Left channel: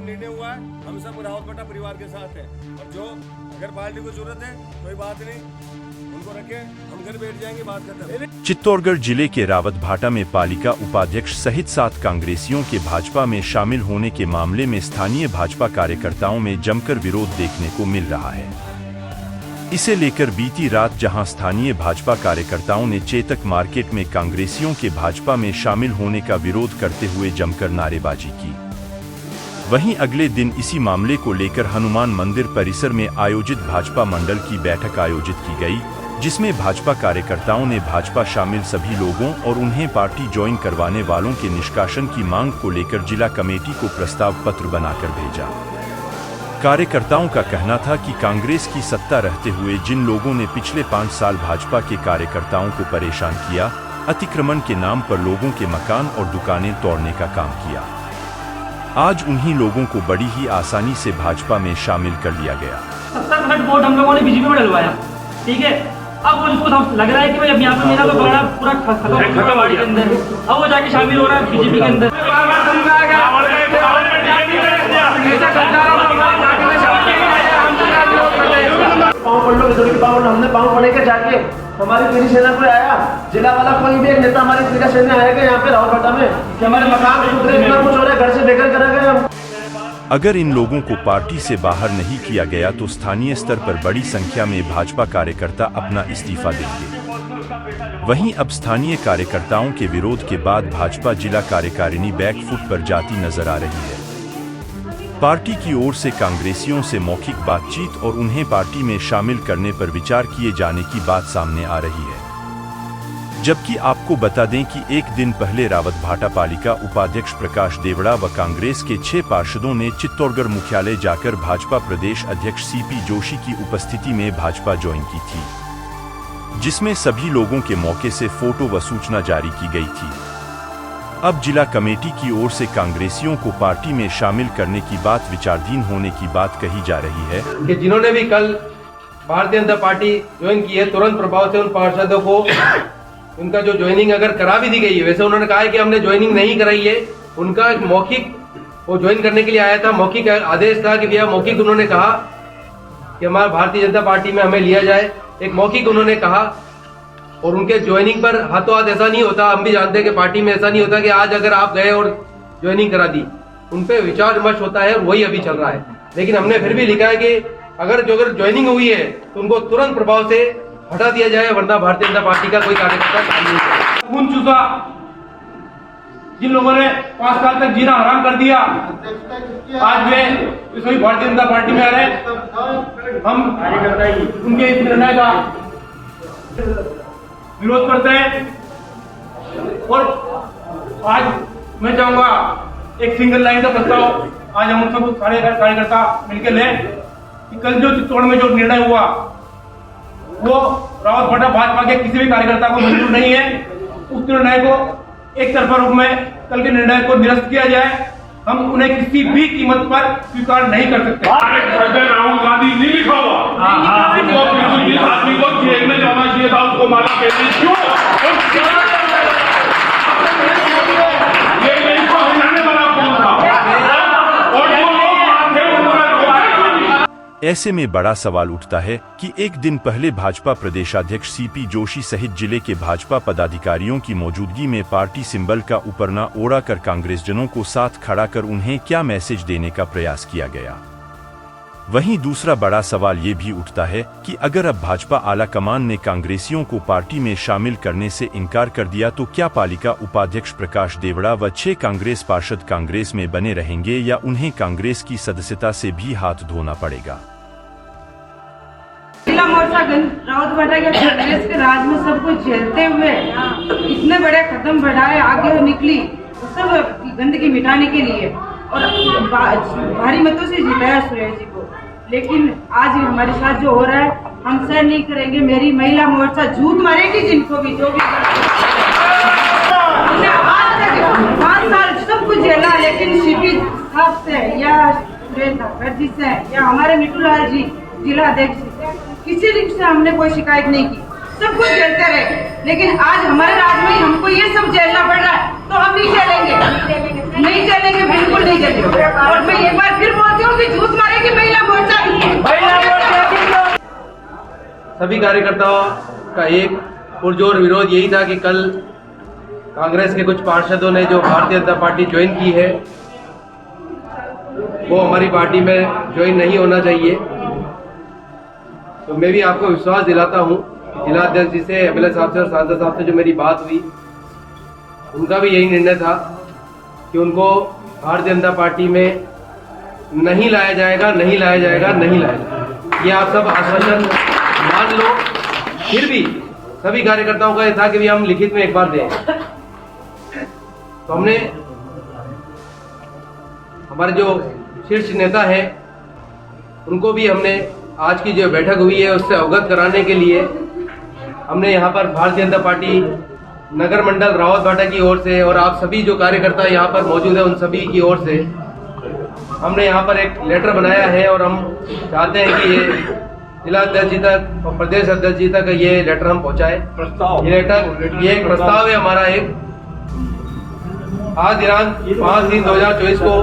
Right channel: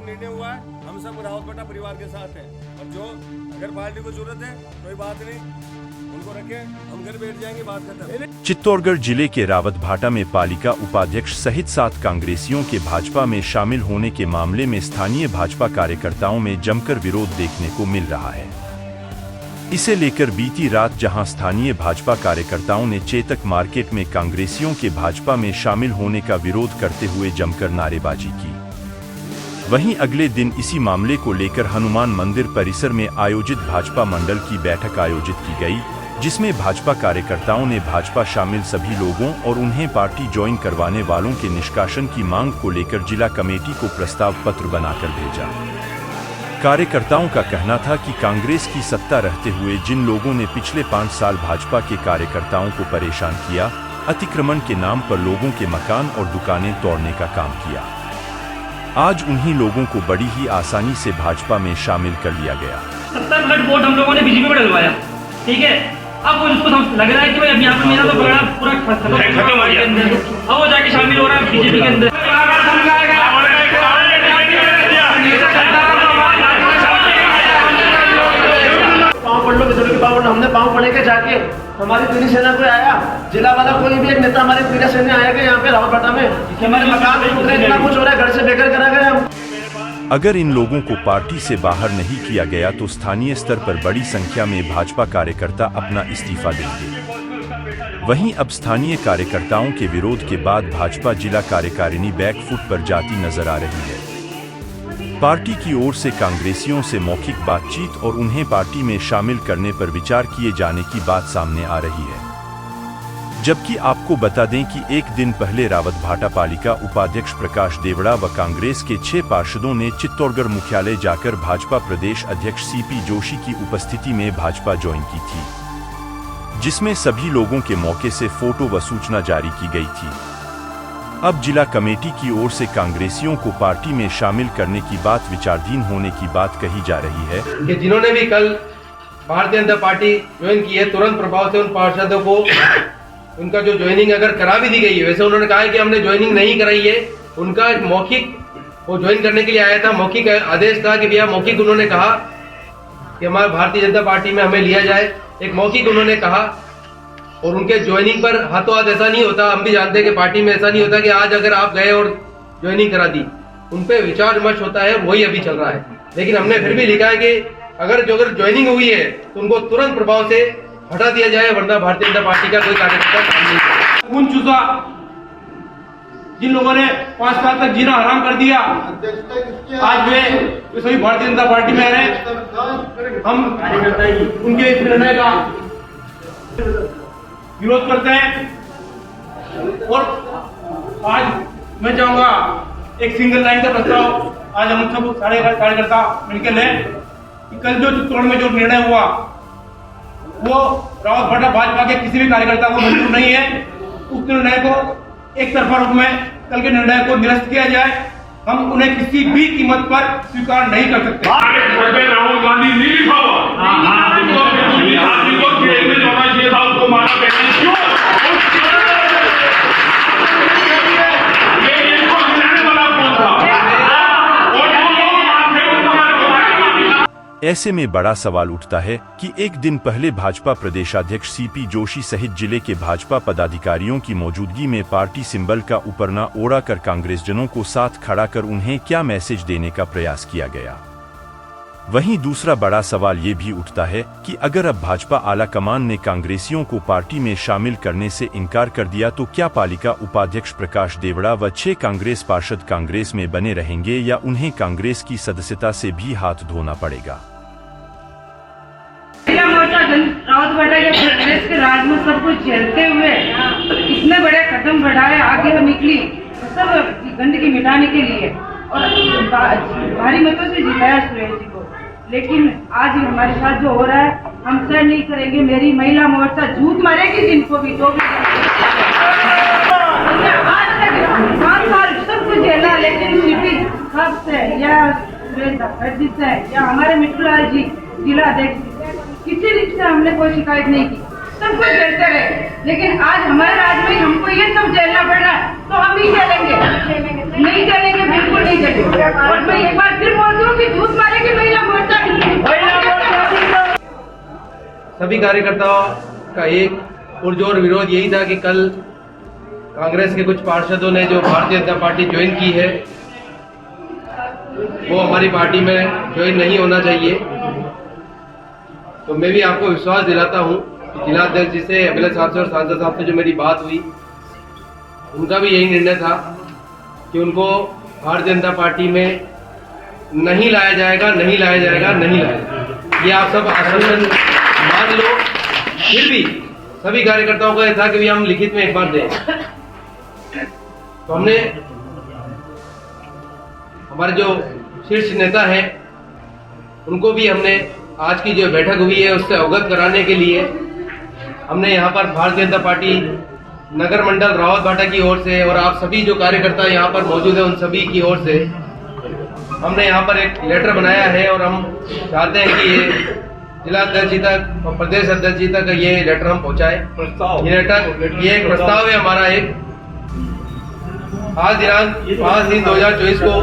निर्णय हुआ है, हम सब रावतभाटा परिवार के साथ हैं और जो अगर पार्टी को जरूरत है कोई बात नहीं, उनको रखे, हम घर बैठ जाएंगे, बात खत्म। चित्तौड़गढ़ जिले के रावतभाटा में पालिका उपाध्यक्ष सहित 7 कांग्रेसियों के भाजपा में शामिल होने के मामले में स्थानीय भाजपा कार्यकर्ताओं में जमकर विरोध देखने को मिल रहा है। इसे लेकर बीती रात जहां स्थानीय भाजपा कार्यकर्ताओं ने चेतक मार्केट में कांग्रेसियों के भाजपा में शामिल होने का विरोध करते हुए जमकर नारेबाजी की, वहीं अगले दिन इसी मामले को लेकर हनुमान मंदिर परिसर में आयोजित भाजपा मंडल की बैठक आयोजित की गई, जिसमें भाजपा कार्यकर्ताओं ने भाजपा शामिल सभी लोगों और उन्हें पार्टी ज्वाइन करवाने वालों के निष्कासन की मांग को लेकर जिला कमेटी को प्रस्ताव पत्र बनाकर भेजा। कार्यकर्ताओं का कहना था कि कांग्रेस की सत्ता रहते हुए जिन लोगों ने पिछले 5 साल भाजपा के कार्यकर्ताओं को परेशान किया, अतिक्रमण के नाम पर लोगों के मकान और दुकानें तोड़ने का काम किया, आज उन्हीं लोगों को बड़ी ही आसानी से भाजपा में शामिल कर लिया गया। 70% वोट हम लोगों ने बीजेपी में डलवाया, ठीक है। अब उसको लग रहा है कि अब यहाँ पे मेरा तो बड़ा पूरा खत्म हो गया, अब वो जाके शामिल हो रहा है बीजेपी के अंदर। पाँव पढ़ लो, विद्रोही के पाँव पढ़ लो, हमने पाँव पढ़े के जाके हमारी पीढ़ी सेना कोई आया, जिला वाला कोई भी एक नेता हमारी पीढ़ी सेना आया कि यहाँ पे रावतभाटा में कि हमारे मकान टूट रहे, इतना कुछ हो रहा है, घर से बेघर करा गए हम। अगर इन लोगों को पार्टी से बाहर नहीं किया गया तो स्थानीय स्तर पर बड़ी संख्या में भाजपा कार्यकर्ता अपना इस्तीफा देंगे। वहीं अब स्थानीय कार्यकर्ताओं के विरोध के बाद भाजपा जिला कार्यकारिणी बैकफुट पर जाती नजर आ रही है। पार्टी की ओर से कांग्रेसियों से मौखिक बातचीत और उन्हें पार्टी में शामिल करने पर विचार किए जाने की बात सामने आ रही है। जबकि आपको बता दें कि एक दिन पहले रावतभाटा पालिका उपाध्यक्ष प्रकाश देवड़ा व कांग्रेस के 6 पार्षदों ने चित्तौड़गढ़ मुख्यालय जाकर भाजपा प्रदेश अध्यक्ष सीपी जोशी की उपस्थिति में भाजपा ज्वाइन की थी, जिसमें सभी लोगों के मौके से फोटो व सूचना जारी की गई थी। अब जिला कमेटी की ओर से कांग्रेसियों को पार्टी में शामिल करने की बात विचाराधीन होने की बात कही जा रही है कि जिन्होंने भी कल भारतीय जनता पार्टी ज्वाइन की है, तुरंत प्रभाव से उन पार्षदों को उनका जो ज्वाइनिंग अगर करा भी दी गई है, वैसे उन्होंने कहा है कि हमने ज्वाइनिंग नहीं कराई है, उनका एक मौखिक वो ज्वाइन करने के लिए आया था, मौखिक आदेश था कि भैया मौखिक उन्होंने कहा कि हमारे भारतीय जनता पार्टी में हमें लिया जाए, एक मौखिक उन्होंने कहा। और उनके ज्वाइनिंग पर हाथों हाथ ऐसा नहीं होता, हम भी जानते हैं कि पार्टी में ऐसा नहीं होता कि आज अगर आप गए और ज्वाइनिंग करा दी, उन पे विचार विमर्श होता है और वही अभी चल रहा है। लेकिन हमने फिर भी लिखा है कि अगर ज्वाइनिंग हुई है तो उनको तुरंत प्रभाव से हटा दिया जाए, वरना भारतीय जनता पार्टी का कोई कार्यकर्ता काम नहीं करेगा। खून चूसा जिन लोगों ने 5 साल तक जीना हराम कर दिया, आज वे सभी भारतीय जनता पार्टी में आ रहे हैं। हम उनके इस निर्णय का विरोध करते हैं और आज मैं चाहूंगा एक सिंगल लाइन का प्रस्ताव आज हम सब सारे कार्यकर्ता मिलकर लें कि कल जो चित्तौड़ में जो निर्णय हुआ वो रावतभाटा भाजपा के किसी भी कार्यकर्ता को मंजूर नहीं है। उस निर्णय को एक तरफा रूप में कल के निर्णय को निरस्त किया जाए, हम उन्हें किसी भी कीमत पर स्वीकार नहीं कर सकते। राहुल गांधी नहीं लिखा हुआ, जेल में जाना चाहिए था, उसको मारा क्यों? ऐसे में बड़ा सवाल उठता है कि एक दिन पहले भाजपा प्रदेशाध्यक्ष सीपी जोशी सहित जिले के भाजपा पदाधिकारियों की मौजूदगी में पार्टी सिंबल का उपरना ओढ़ा कर कांग्रेसजनों को साथ खड़ा कर उन्हें क्या मैसेज देने का प्रयास किया गया। वहीं दूसरा बड़ा सवाल ये भी उठता है कि अगर अब भाजपा आला कमान ने कांग्रेसियों को पार्टी में शामिल करने से इनकार कर दिया तो क्या पालिका उपाध्यक्ष प्रकाश देवड़ा व 6 कांग्रेस पार्षद कांग्रेस में बने रहेंगे या उन्हें कांग्रेस की सदस्यता से भी हाथ धोना पड़ेगा। महिला मोर्चा रावतभाटा के कांग्रेस के राज में सब कुछ झेलते हुए इतने बड़े कदम बढ़ाए, आगे वो निकली सब गंदगी मिटाने के लिए और भारी मतों से जिताया सुरेश जी को। लेकिन आज हमारे साथ जो हो रहा है हम सहन नहीं करेंगे। मेरी महिला मोर्चा झूठ मारेगी जिनको भी, जो भी 5 साल सब कुछ झेला, लेकिन सीपी साहब से या सुरेश जी से या हमारे मिट्टू लाल जी जिला अध्यक्ष, किसी से हमने कोई शिकायत नहीं की, सब कुछ झेलते रहे। लेकिन आज हमारे राज्य में हमको ये सब झेलना पड़ रहा है, तो हम नहीं झेलेंगे, नहीं झेलेंगे, बिल्कुल नहीं झेलेंगे। और मैं एक बार फिर बोलती हूँ कि झूठ मारेगी महिला मोर्चा नहीं है। सभी कार्यकर्ताओं का एक पुरजोर विरोध यही था कि कल कांग्रेस के कुछ पार्षदों ने जो भारतीय जनता पार्टी ज्वाइन की है वो हमारी पार्टी में ज्वाइन नहीं होना चाहिए। तो मैं भी आपको विश्वास दिलाता हूं कि जिला अध्यक्ष जी से, एमएलए साहब से और सांसद साहब से जो मेरी बात हुई, उनका भी यही निर्णय था कि उनको भारतीय जनता पार्टी में नहीं लाया जाएगा, नहीं लाया जाएगा, नहीं लाया जाएगा। ये आप सब आश्वासन मान लो। फिर भी सभी कार्यकर्ताओं का यह था कि भी हम लिखित में एक बार दें। तो हमने हमारे जो शीर्ष नेता हैं उनको भी हमने आज की जो बैठक हुई है उससे अवगत कराने के लिए हमने यहाँ पर भारतीय जनता पार्टी नगर मंडल रावतभाटा की ओर से और आप सभी जो कार्यकर्ता यहाँ पर मौजूद है उन सभी की ओर से हमने यहाँ पर एक लेटर बनाया है और हम चाहते हैं कि ये जिला अध्यक्ष जी तक और प्रदेश अध्यक्ष जी तक ये लेटर हम पहुँचाए। ये एक प्रस्ताव है हमारा। एक आज दिनांक 5/3/2024 को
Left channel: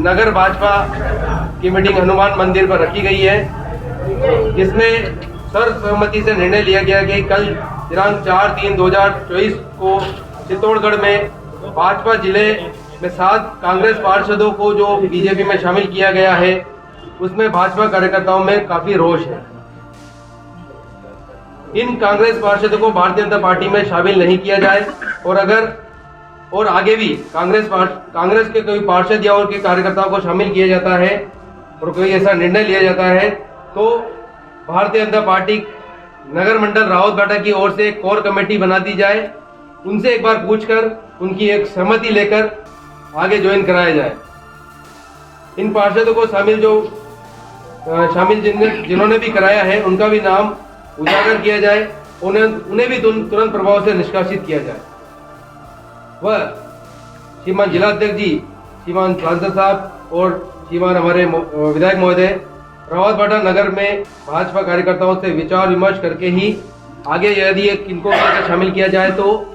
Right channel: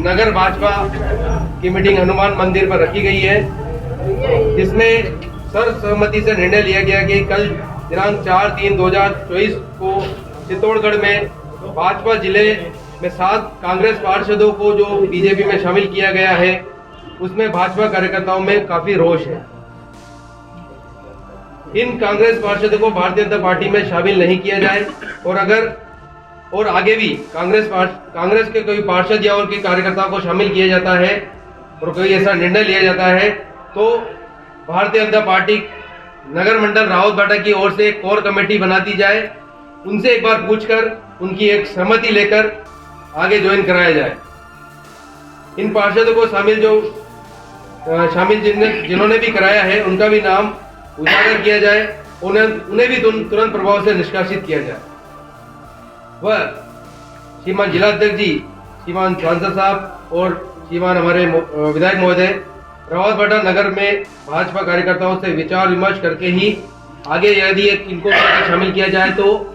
नगर भाजपा की मीटिंग हनुमान मंदिर पर रखी गई है, जिसमें सर्वसम्मति से निर्णय लिया गया कि कल दिनांक 4/3/2024 को चित्तौड़गढ़ में भाजपा जिले में 7 कांग्रेस पार्षदों को जो बीजेपी में शामिल किया गया है उसमें भाजपा कार्यकर्ताओं में काफी रोष है। इन कांग्रेस पार्षदों को भारतीय जनता पार्टी में शामिल नहीं किया जाए और आगे भी कांग्रेस के कोई पार्षद या उनके कार्यकर्ताओं को शामिल किया जाता है और कोई ऐसा निर्णय लिया जाता है तो भारतीय जनता पार्टी नगर मंडल रावतभाटा की ओर से एक कोर कमेटी बना दी जाए, उनसे एक बार पूछकर उनकी एक सहमति लेकर आगे ज्वाइन कराया जाए। इन पार्षदों को शामिल जिन्होंने भी कराया है उनका भी नाम उजागर किया जाए, उन्हें भी तुरंत प्रभाव से निष्कासित किया जाए। वह श्रीमान जिला अध्यक्ष जी, श्रीमान सांसद साहब और श्रीमान हमारे विधायक महोदय रावतभाटा नगर में भाजपा कार्यकर्ताओं से विचार विमर्श करके ही आगे यदि इनको शामिल किया जाए तो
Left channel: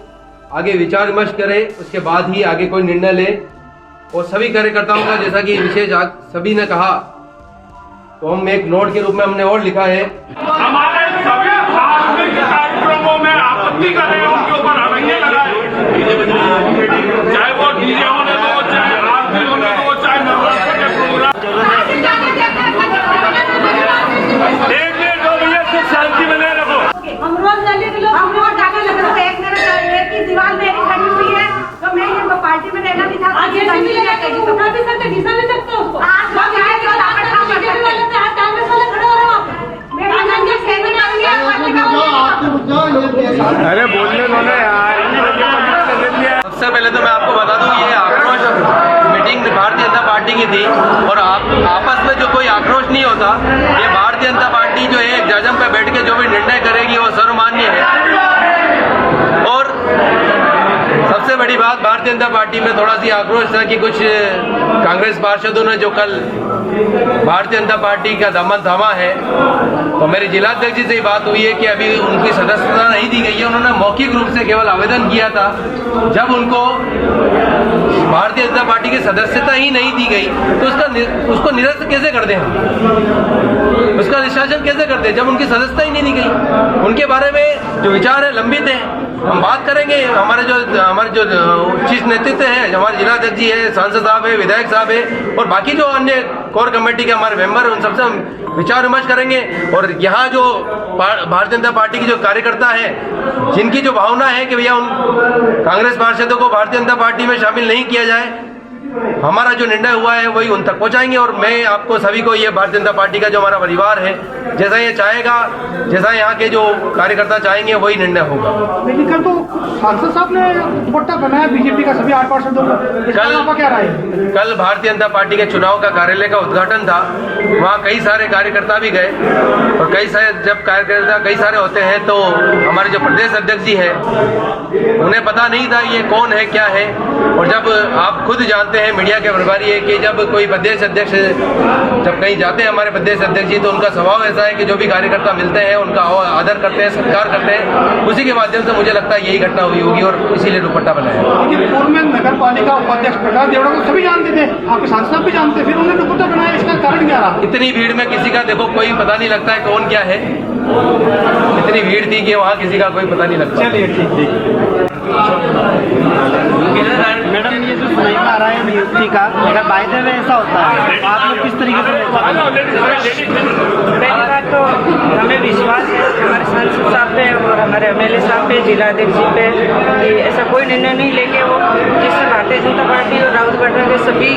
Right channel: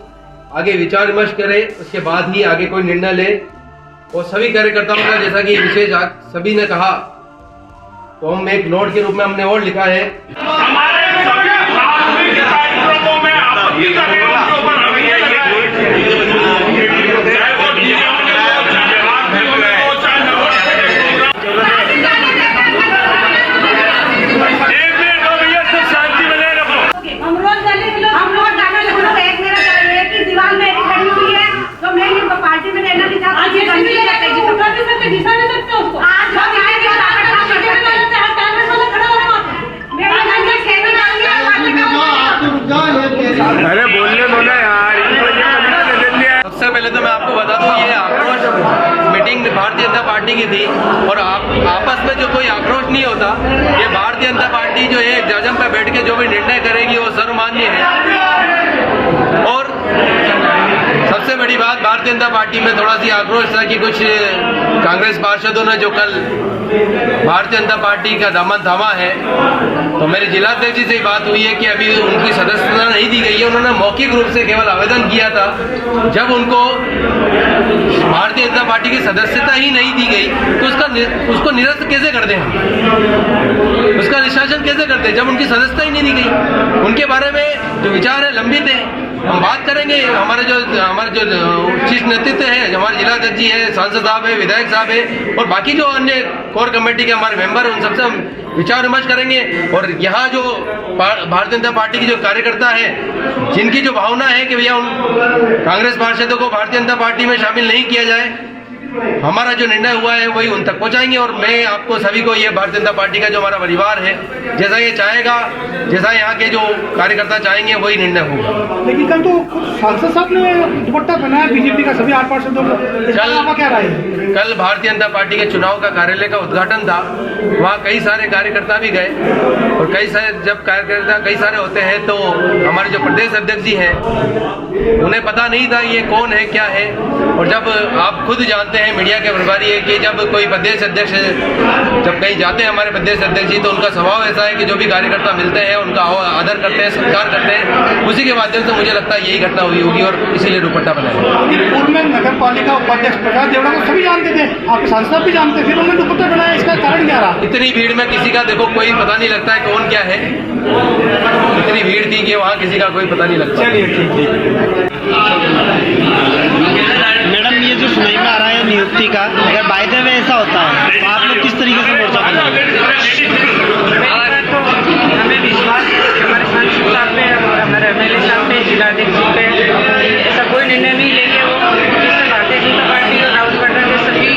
आगे विचार विमर्श करें, उसके बाद ही आगे कोई निर्णय ले। और सभी कार्यकर्ताओं का जैसा कि विशेष सभी ने कहा तो हम एक नोट के रूप में हमने और लिखा है हमारे सभी धार्मिक कार्यक्रमों में आपत्ति का उनके ऊपर हमें लगाए, चाहे वो डीजे होने हो, चाहे आरती होने हो, चाहे नवरात्रि के प्रोग्राम। एक मिनट हो भैया, से शांति बने रखो। हम रोज जाने लगे तो एक मेरे दीवार में खड़ी हुई है तो मैं ये पार्टी में रहना नहीं चाहती। आज ये भी लेके जी उठा भी सकते, दिशा नहीं सकते उसको। आज हम यहाँ के बीजेपी वाले से कांग्रेस वाले खड़े हो रहे हैं वहाँ पे। मैं आनंद से खेलने आऊंगी आप पार्टी का। अरे बोलने दो ना यार। सबसे पहले तो मैं आपको बता दूं ये आक्रोश मीटिंग भारतीय जनता पार्टी की थी और आपस में जो कोई आक्रोश नहीं होता, ये भारतीय जनता पार्टी जो है जजम पे बैठ के जो भी निर्णय करेगी वो सर्वमान्य है। और सबसे बड़ी बात भारतीय जनता पार्टी में थोड़ा सी आक्रोश था कि कुछ कांग्रेस पार्षदों ने जो कल भारतीय जनता पार्टी का दामन थामा है, तो मेरे जिला अध्यक्ष जी से बात हुई है कि अभी उनकी सदस्यता नहीं दी गई है। उन्होंने मौखिक रूप से केवल आवेदन किया था। जब उनको भारतीय जनता पार्टी की सदस्यता ही नहीं दी गई तो उसको निरस्त कैसे कर दें हम, उसका निष्कासन कैसे कर दें जब उनकी सदस्यता ही नहीं दी गई। उनके बारे में जो विचार है लंबित है, हम बात करेंगे। हमारे जो शीर्ष नेतृत्व है, हमारे जिला अध्यक्ष जी है, सांसद साहब है, विधायक साहब है और बाकी जो अन्य कोर कमेटी के हमारे मेंबर हैं उन सबसे हम विचार विमर्श करेंगे। और यहाँ जो भारतीय जनता पार्टी की जो कार्यकर्ता है जिनकी जो भावना है कि भैया उन कांग्रेस पार्षदों को भारतीय जनता पार्टी में शामिल नहीं किया जाए, हमारा जो निर्णय हुआ है वही उन तक पहुंचाएंगे। और मैं आपको सभी को ये भारतीय जनता पार्टी का जो हमारा परिवार है जैसा ये चाहेगा, जैसा यहाँ के जो कार्यकर्ता चाहेंगे वही निर्णय होगा। लेकिन कल तो सांसद साहब ने दुपट्टा बनाया बीजेपी का सभी 8 पार्षदों को, क्या राय है? कल भारतीय जनता पार्टी के चुनाव का कार्यालय का उद्घाटन था, वहाँ कई सारे कार्यकर्ता भी गए और जब कार्यकर्ता कई सारे होते हैं तो हमारे जो प्रदेश अध्यक्ष जी हैं उन्हें पता नहीं था ये कौन है क्या है और जब आप खुद जानते हैं, मीडिया के प्रभारी है, कि जब कोई प्रदेश अध्यक्ष जब कहीं जाते हैं हमारे प्रदेश अध्यक्ष जी, तो उनका स्वभाव ऐसा है कि जो भी कार्यकर्ता मिलते हैं उनका आदर करते हैं, सत्कार करते हैं। उसी के माध्यम से मुझे लगता है यही घटना हुई होगी और इसीलिए दुपट्टा बनाया। पूर्व में नगर पालिका उपाध्यक्ष प्रकाश देवड़ा को सभी जानते थे, आपके सांसद भी जानते, फिर उन्होंने दुपट्टा बनाया, इसका कारण क्या रहा? इतनी भीड़ में किसी का देखो कोई पता नहीं लगता है कौन क्या है। इतनी भीड़ थी कि वहाँ किसी का कोई पता नहीं लगता। मैडम, ये जो सुनाई में आ रहा है नियुक्ति का, अगर बाय द वे ऐसा होता है आप लोग किस तरीके से मोर्चा तो हमें विश्वास हमारे सांसद साहब पे और हमारे एमएलए साहब पे, जिलाध्यक्ष पे, कि ऐसा कोई निर्णय नहीं लेंगे। वो जिससे भारतीय जनता पार्टी और रावत भाटा के सभी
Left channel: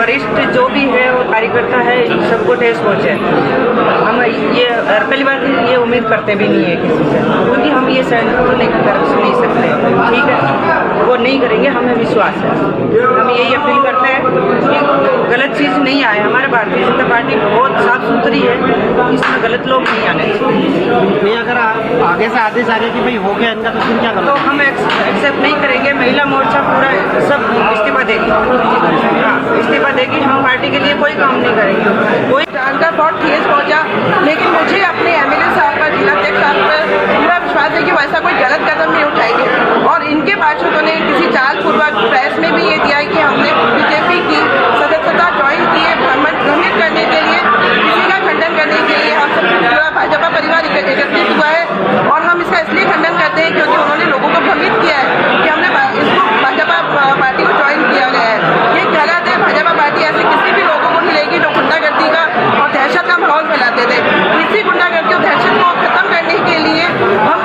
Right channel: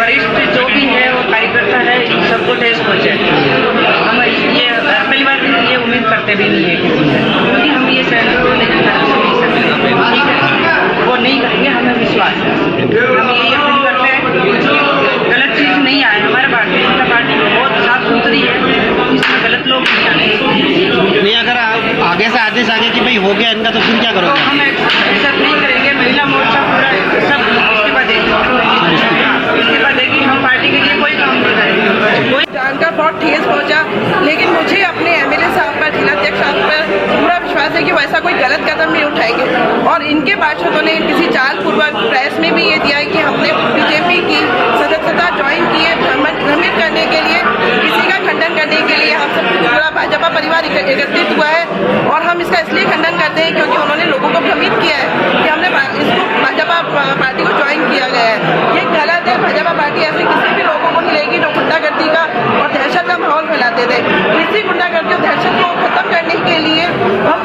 वरिष्ठ जो भी है वो कार्यकर्ता है, सबको ठेस पहुँचे। हम ये पहली बार ये उम्मीद करते भी नहीं है किसी से, क्योंकि हम ये सैनिक को लेकर तरफ से नहीं सकते, ठीक है, वो नहीं करेंगे, हमें विश्वास है। हम यही अपील करते हैं कि गलत चीज़ नहीं आए। हमारे भारतीय जनता पार्टी बहुत साफ सुथरी है, इसमें गलत लोग नहीं आने। नहीं, अगर आगे से आदेश आगे कि भाई हो गया इनका, तो फिर क्या तो करोगे? हम एक्सेप्ट नहीं करेंगे। महिला मोर्चा पूरा सब इस्तीफा देगी, इस्तीफा देगी। हम पार्टी के लिए कोई काम नहीं करेंगे। कोई जान का बहुत ठेस पहुंचा, लेकिन मुझे अपने एमएलए साहब पर, जिलाध्यक्ष साहब पर पूरा विश्वास है कि वो ऐसा कोई गलत कदम नहीं उठाएंगे। और इनके पार्षदों ने किसी चाल पूर्वक प्रेस में भी ये दिया है कि हमने बीजेपी की सदस्यता ज्वाइन की है भ्रमित करने के लिए, किसी का खंडन करने के लिए। हम सब पूरा भाजपा परिवार एकत्रित हुआ है और हम इसका इसलिए खंडन करते हैं क्योंकि उन्होंने लोगों को भ्रमित किया है कि हमने इसको भाजपा पार्टी को ज्वाइन किया गया है। ये गलत है। भाजपा पार्टी ऐसे किसी भी लोगों को नहीं लेगी जो गुंडागर्दी का और दहशत का माहौल फैलाते थे। इसी गुंडागर्दी और दहशत को खत्म करने के लिए हम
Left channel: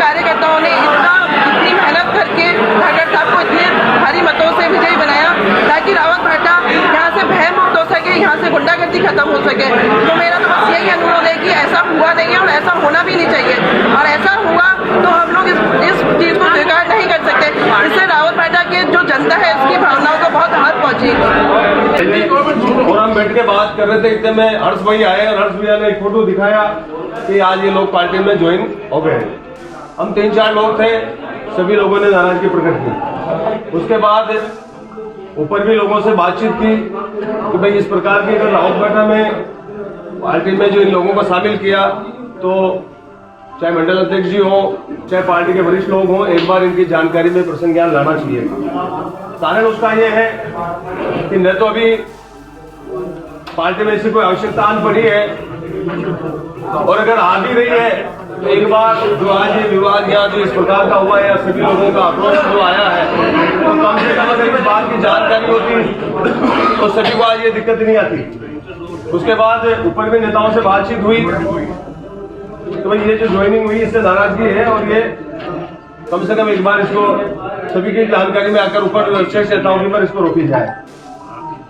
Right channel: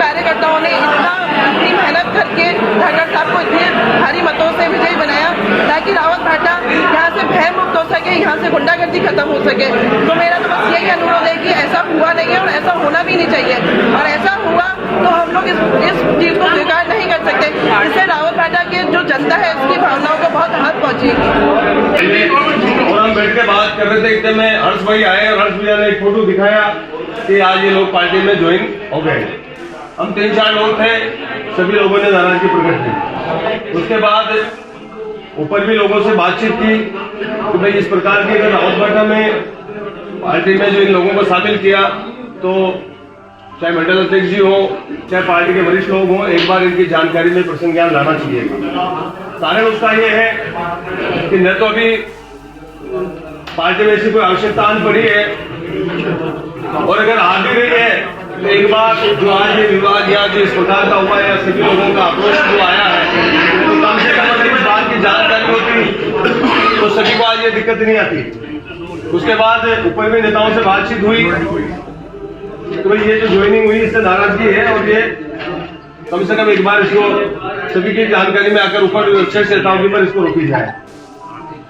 कार्यकर्ताओं ने इतनी मेहनत करके ठाकर साहब को इतने भारी मतों से विजयी बनाया ताकि रावत भाटा यहाँ से भय मुक्त हो सके, यहाँ से गुंडागर्दी खत्म हो सके। तो मेरा तो बस यही अनुरोध है कि ऐसा हुआ नहीं है और ऐसा होना भी नहीं चाहिए, और ऐसा हुआ तो हम लोग इस चीज़ को स्वीकार नहीं कर सकते। इससे रावत भाटा की जो जनता है इसकी भावनाओं को बहुत हाथ पहुँचेगी। और हम बैठ के बात कर रहे थे, इतने में हर्ष भाई आए और हर्ष भैया ने एक फोटो दिखाया कि आज ये लोग पार्टी में ज्वाइन हो गए। हम 3-4 लोग थे, सभी लोगों ने नाराजगी प्रकट की। उसके बाद ऊपर भी लोगों से बातचीत की कि भाई इस प्रकार की अगर रावत भाटा में पार्टी में जो इन लोगों को शामिल किया, तो चाहे मंडल अध्यक्ष जी हो, चाहे पार्टी के वरिष्ठ लोग हों, एक बार इनकी जानकारी में प्रसंग ज्ञान लाना चाहिए। कारण उसका ये है कि न तो अभी पार्टी में ऐसी कोई आवश्यकता आन पड़ी है, और अगर आ भी रही है तो एक बार जो आज ये विवाद या जो इस प्रकार का हुआ है, सभी लोगों का अप्रोच जो आया है, तो कम से कम अगर इस बात की जानकारी होती तो सभी को आज ये दिक्कत नहीं आती। उसके बाद ऊपर भी नेताओं से बातचीत हुई तो भाई ये जो ज्वाइनिंग हुई इससे नाराजगी है, और ये कम से कम एक बार इसको सभी की जानकारी में आकर ऊपर शीर्ष नेताओं के ऊपर इसको रोकी जाए।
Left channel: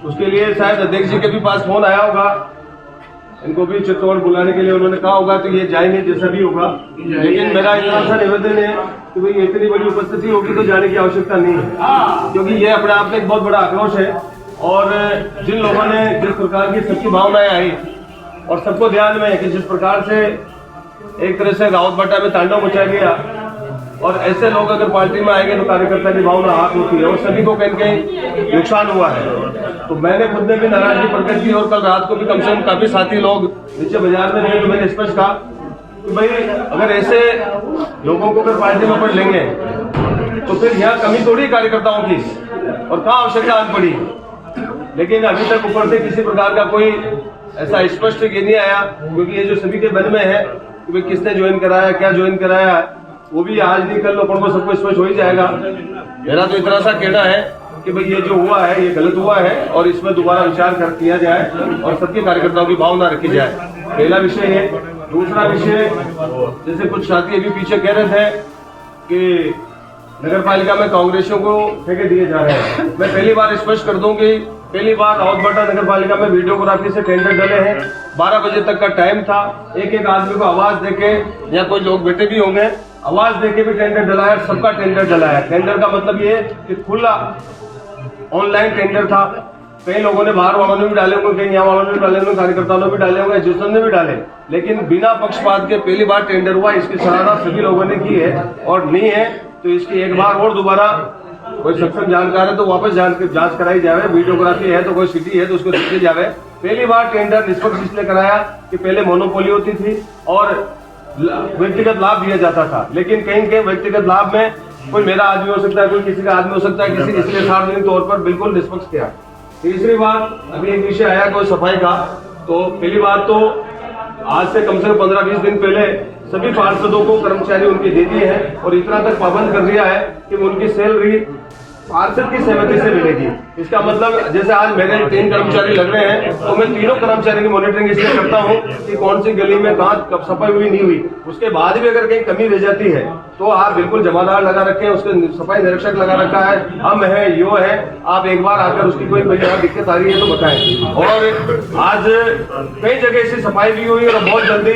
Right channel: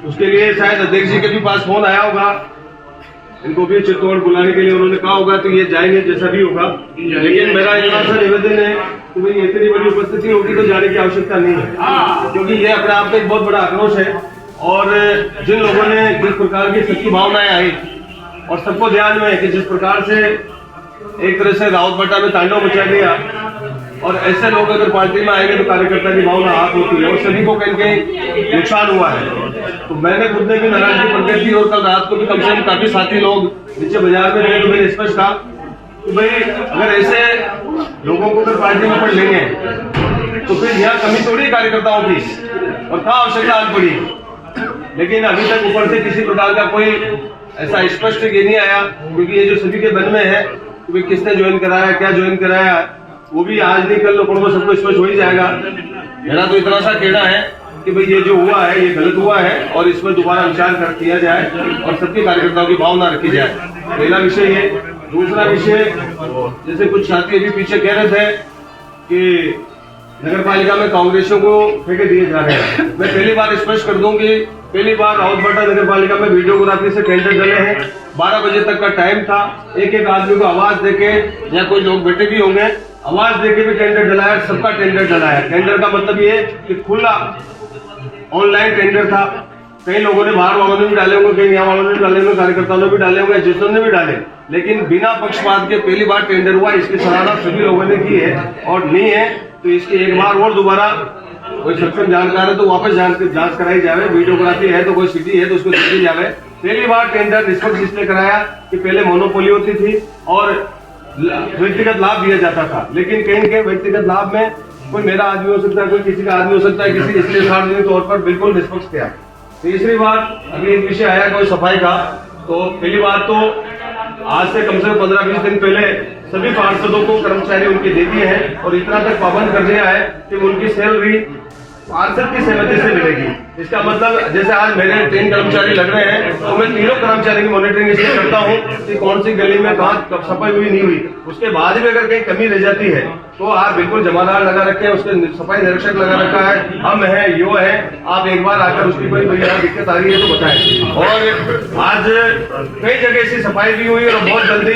उसके लिए शायद अध्यक्ष जी के भी पास फोन आया होगा, इनको भी चित्तौड़ बुलाने के लिए उन्होंने कहा होगा, तो ये जाएंगे जैसा भी होगा। लेकिन मेरा इतना सा निवेदन है कि भाई इतनी बड़ी उपस्थिति होगी तो जाने की आवश्यकता नहीं है, क्योंकि ये अपने आप में एक बहुत बड़ा आक्रोश है। और जिन लोगों ने जिस प्रकार की सच्ची भावनाएं आई, और सबको ध्यान में है कि जिस प्रकार से एक तरह से रावत भाटा में तांडव मचा दिया, और ऐसे लोग अगर पार्टी में आएंगे तो कार्यकर्ता की भावना हाथ होती है, और सभी को कहीं कहीं नुकसान हुआ है। तो मैंने खुद ने भी नाराजगी प्रकट की, और कल रात को भी कम से कम काफी साथी लोग नीचे बाजार में रहे, तो मैंने स्पष्ट कहा कि भाई अगर ऐसे लोगों को अगर पार्टी में पढ़ लेंगे तो फिर यहाँ कमी थोड़ी कार्यकर्ताओं की, और कहाँ आवश्यकता आन पड़ी। लेकिन अभी तक ऊपर से किसी प्रकार का कोई ऐसा स्पष्ट ये नहीं आया, क्योंकि ये जो सभी के मन में है कि भाई किसने ज्वाइन कराया, क्या ज्वाइन कराया, वो भी आज नहीं कल लोगों को सबको स्पष्ट हो ही जाएगा। मेरा तो इतना सा कहना है कि भाई ये जो हुआ है ये गलत हुआ है, और इसमें दोबारा विचार कर किया जाए और सबके कार्यकर्ताओं की भावना रखी जाए। पहला विषय ये। दूसरा विषय, जैसे कुछ साथी अभी पीछे कह रहे थे कि नगर पालिका में कांग्रेसियों को ठेके दिए जा रहे हैं, मैं पहली बार स्पष्ट कर दूं कि पहली बार रावत भाटा नगर पालिका में वीडियोग्राफी से टेंडर डले हैं। 12 बजे तक का टाइम था, एक एक आदमी को आवाज देके, या कोई लोग बैठे भी होंगे, आवाज देके भी टेंडर डलाया, सबका टेंडर डलाया। टेंडर का मतलब ये कि खुला ऑनलाइन टेंडर था। कई लोगों ने बाहर वालों ने भी डाले होंगे, कहीं यहाँ वालों ने भी डाले होंगे, कार्यकर्ताओं ने भी डाले होंगे, जिसने भी डाले, लेकिन बिना पक्षपात के पहली बार टेंडर हुआ। इसकी सराहना सभी लोगों ने की है, और नहीं है तो इसकी एक बार और दोबारा कोई सक्षम जानकार है तो वापस जांच कराई जावे, वीडियोग्राफी है तो कोई सिटी है तो उसको देखी जावे। पहली बार टेंडर निष्पक्ष इसलिए कराया कि पहले मोनोपोली होती थी और व्यक्तिगत लाभ दिया जाता था, लेकिन कहीं के व्यक्तिगत लाभ में कोई मेरा आदमी हो सकता है, कोई किसी का आदमी हो सकता है, किसी इसलिए सार्वजनिक तौर पर बिल्कुल निष्पक्ष किया। तीसरी बात, अभी एक विषय आया कोई सफाई का, तो पहली बात तो आज से कम से कम 15-20 दिन पहले सभी पार्षदों को कर्मचारी उनके दे दिए हैं और इतना तक पाबंद कर दिया है कि उनकी सैलरी पार्षद की सहमति से मिलेगी। इसका मतलब जैसे आज मेरे 3 कर्मचारी लग रहे हैं तो मैं तीनों कर्मचारी की मॉनिटरिंग इसलिए करता हूं कि कौन सी गली में कहाँ कब सफाई हुई नहीं हुई। उसके बाद भी अगर कहीं कमी रह जाती है तो आप बिल्कुल जमादार लगा रखे हैं, उसके सफाई निरीक्षक लगा रखा है, हम है, यो है, आप एक बार आकर उसकी कोई दिक्कत आ रही है तो बताएं। और आज कई जगह ऐसी सफाई भी हुई और बहुत जल्दी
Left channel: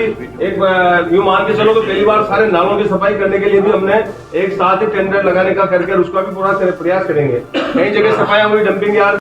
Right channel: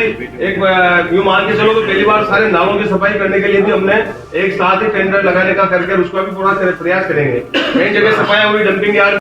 एक यूं मान के चलो तो पहली बार सारे नालों की सफाई करने के लिए भी हमने एक साथ ही टेंडर लगाने का करके उसका भी पूरा प्रयास करेंगे। कई जगह सफाई हुई, डंपिंग यार्ड